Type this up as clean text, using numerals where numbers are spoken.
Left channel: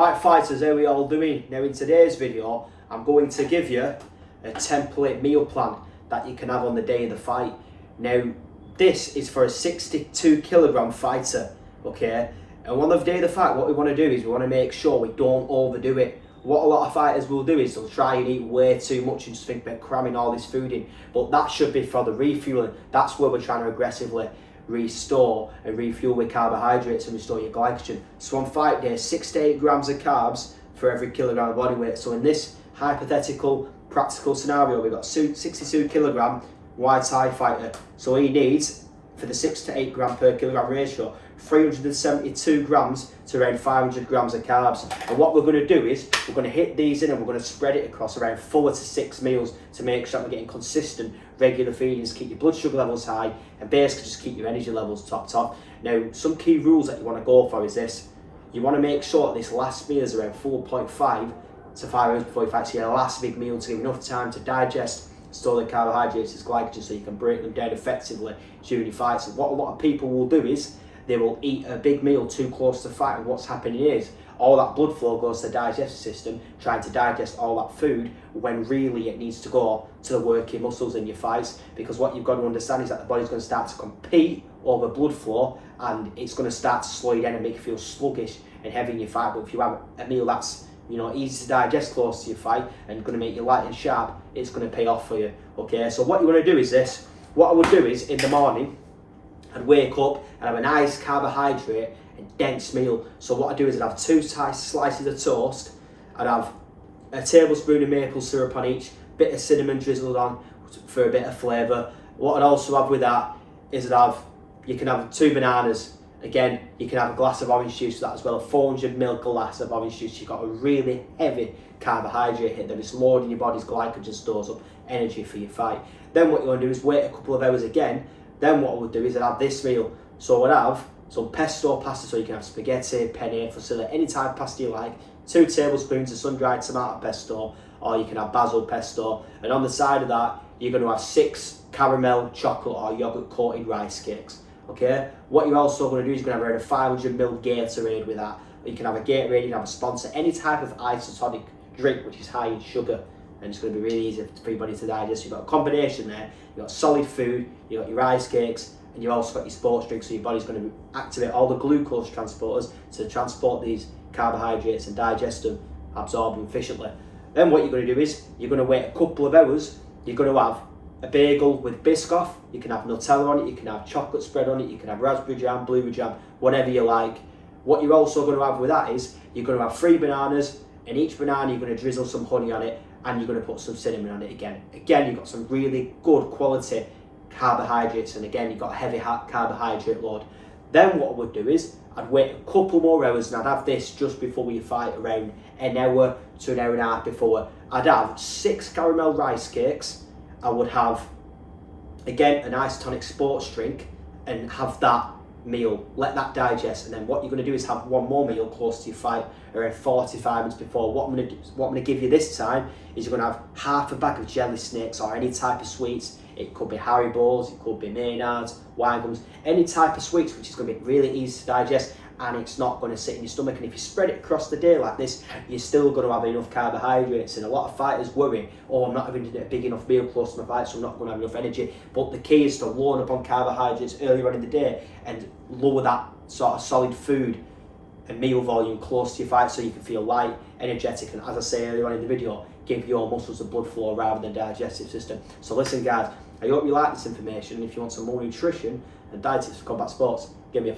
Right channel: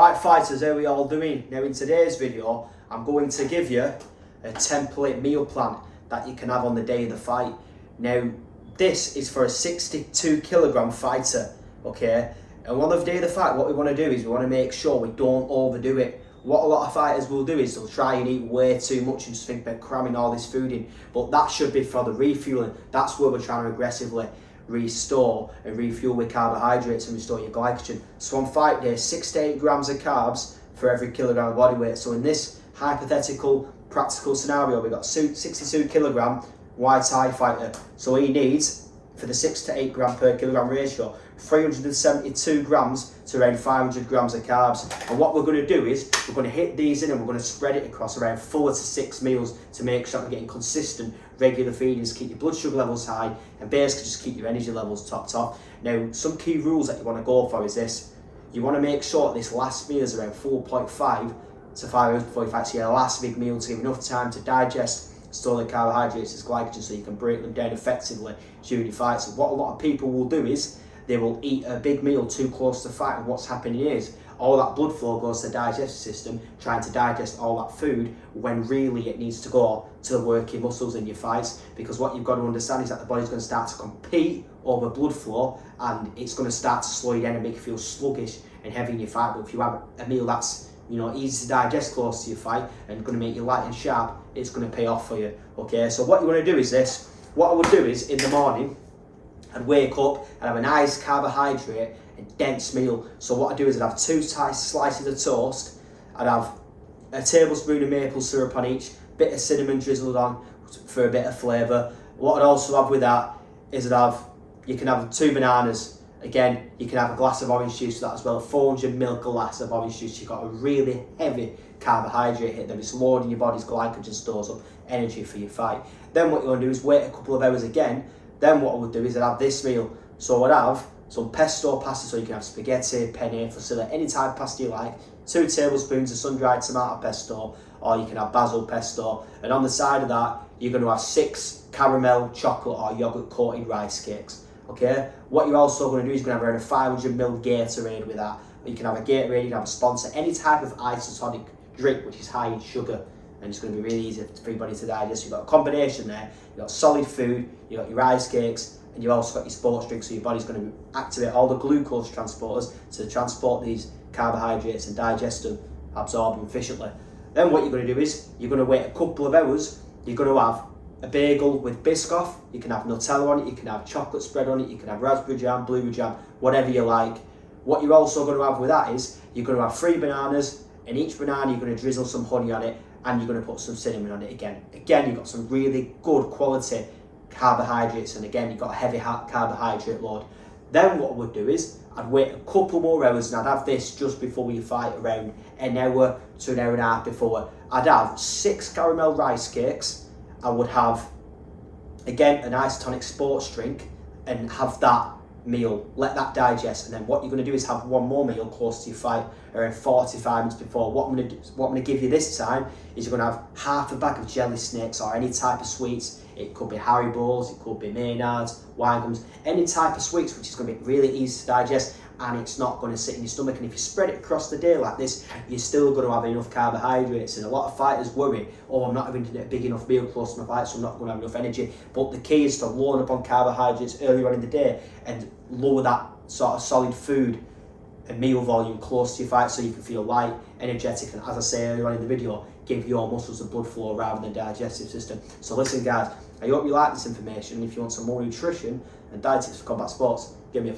Alright fighters, how are we all doing? Now in today's video, I'm going to give you a template meal plan that you can have on the day of the fight. Now this is for a 62 kilogram fighter, okay? And on the day of the fight, what we want to do is we want to make sure we don't overdo it. What a lot of fighters will do is they'll try and eat way too much and just think they're cramming all this food in. But that should be for the refueling. That's where we're trying to aggressively restore and refuel with carbohydrates and restore your glycogen. So on fight day, 6 to 8 grams of carbs for every kilogram of body weight. So in this hypothetical practical scenario, we've got 62 kilogram Muay Thai fighter. So he needs, for the 6 to 8 gram per kilogram ratio, 372 grams to around 500 grams of carbs. And what we're going to do is we're going to hit these in and we're going to spread it across around 4 to 6 meals to make sure we're getting consistent regular feedings, keep your blood sugar levels high and basically just keep your energy levels topped off. Now some key rules that you want to go for is this: you want to make sure that this last meal is around 4.5 to 5 hours before you fight, so your last big meal to give enough time to digest, store the carbohydrates as glycogen so you can break them down effectively during your fight. So what a lot of people will do is they will eat a big meal too close to fight, and what's happening is all that blood flow goes to the digestive system trying to digest all that food when really it needs to go to the working muscles in your fights. Because what you've got to understand is that the body's going to start to compete over blood flow and it's going to start to slow you down and make you feel sluggish and heavy in your fight. But if you have a meal that's easy to digest close to your fight and going to make you light and sharp, it's going to pay off for you. Okay, so what you want to do is this. What I would do is in the morning I'd wake up and have a nice carbohydrate and dense meal. So what I do is I'd have 2 slices of toast, I'd have a tablespoon of maple syrup on each, bit of cinnamon drizzled on for a bit of flavour. What I'd also have with that is you can have 2 bananas. Again, you can have a glass of orange juice with that as well, a 400 ml glass of orange juice. You've got a really heavy carbohydrate hit that is loading your body's glycogen, stores up energy for your fight. Then what you want to do is wait a couple of hours again. Then what I would do is I'd have this meal. So I'd have some pesto pasta, so you can have spaghetti, penne, fusilli, any type of pasta you like, 2 tablespoons of sun-dried tomato pesto, or you can have basil pesto. And on the side of that, you're going to have 6 caramel, chocolate or yogurt coated rice cakes. Okay, what you're also going to do is you're going to have around a 500 ml Gatorade with that. You can have a Gatorade, you can have a sponsor, any type of isotonic drink which is high in sugar, and it's going to be really easy for your body to digest. You've got a combination there, you've got solid food, you've got your rice cakes, and you've also got your sports drink, so your body's going to activate all the glucose transporters to transport these carbohydrates and digest them, absorb them efficiently. Then what you're going to do is you're going to wait a couple of hours. You're going to have a bagel with Biscoff, you can have Nutella on it, you can have chocolate spread on it, you can have raspberry jam, blueberry jam, whatever you like. What you're also going to have with that is you're going to have 3 bananas, and each banana you're going to drizzle some honey on it, and you're going to put some cinnamon on it again. Again, you've got some really good quality carbohydrates, and again, you've got a heavy carbohydrate load. Then what I would do is I'd wait a couple more hours, and I'd have this just before you fight, around an hour to an hour and a half before. I'd have 6 caramel rice cakes. I would have, again, an isotonic sports drink and have that meal, let that digest, and then what you're going to do is have one more meal close to your fight around 45 minutes before. What I'm going to give you this time is you're going to have half a bag of jelly snakes or any type of sweets. It could be Haribo's, it could be Maynards, wine gums, any type of sweets which is going to be really easy to digest, and it's not going to sit in your stomach. And if you spread it across the day like this, you're still going to have enough carbohydrates. And a lot of fighters worry, oh, I'm not having a big enough meal close to my fight, so I'm not going to have enough energy. But the key is to load up on carbohydrates earlier on in the day and lower that sort of solid food and meal volume close to your fight so you can feel light, energetic, and as I say earlier on in the video, give your muscles the blood flow rather than digestive system. So listen guys, I hope you like this information, and if you want some more nutrition and diet tips for combat sports, give me a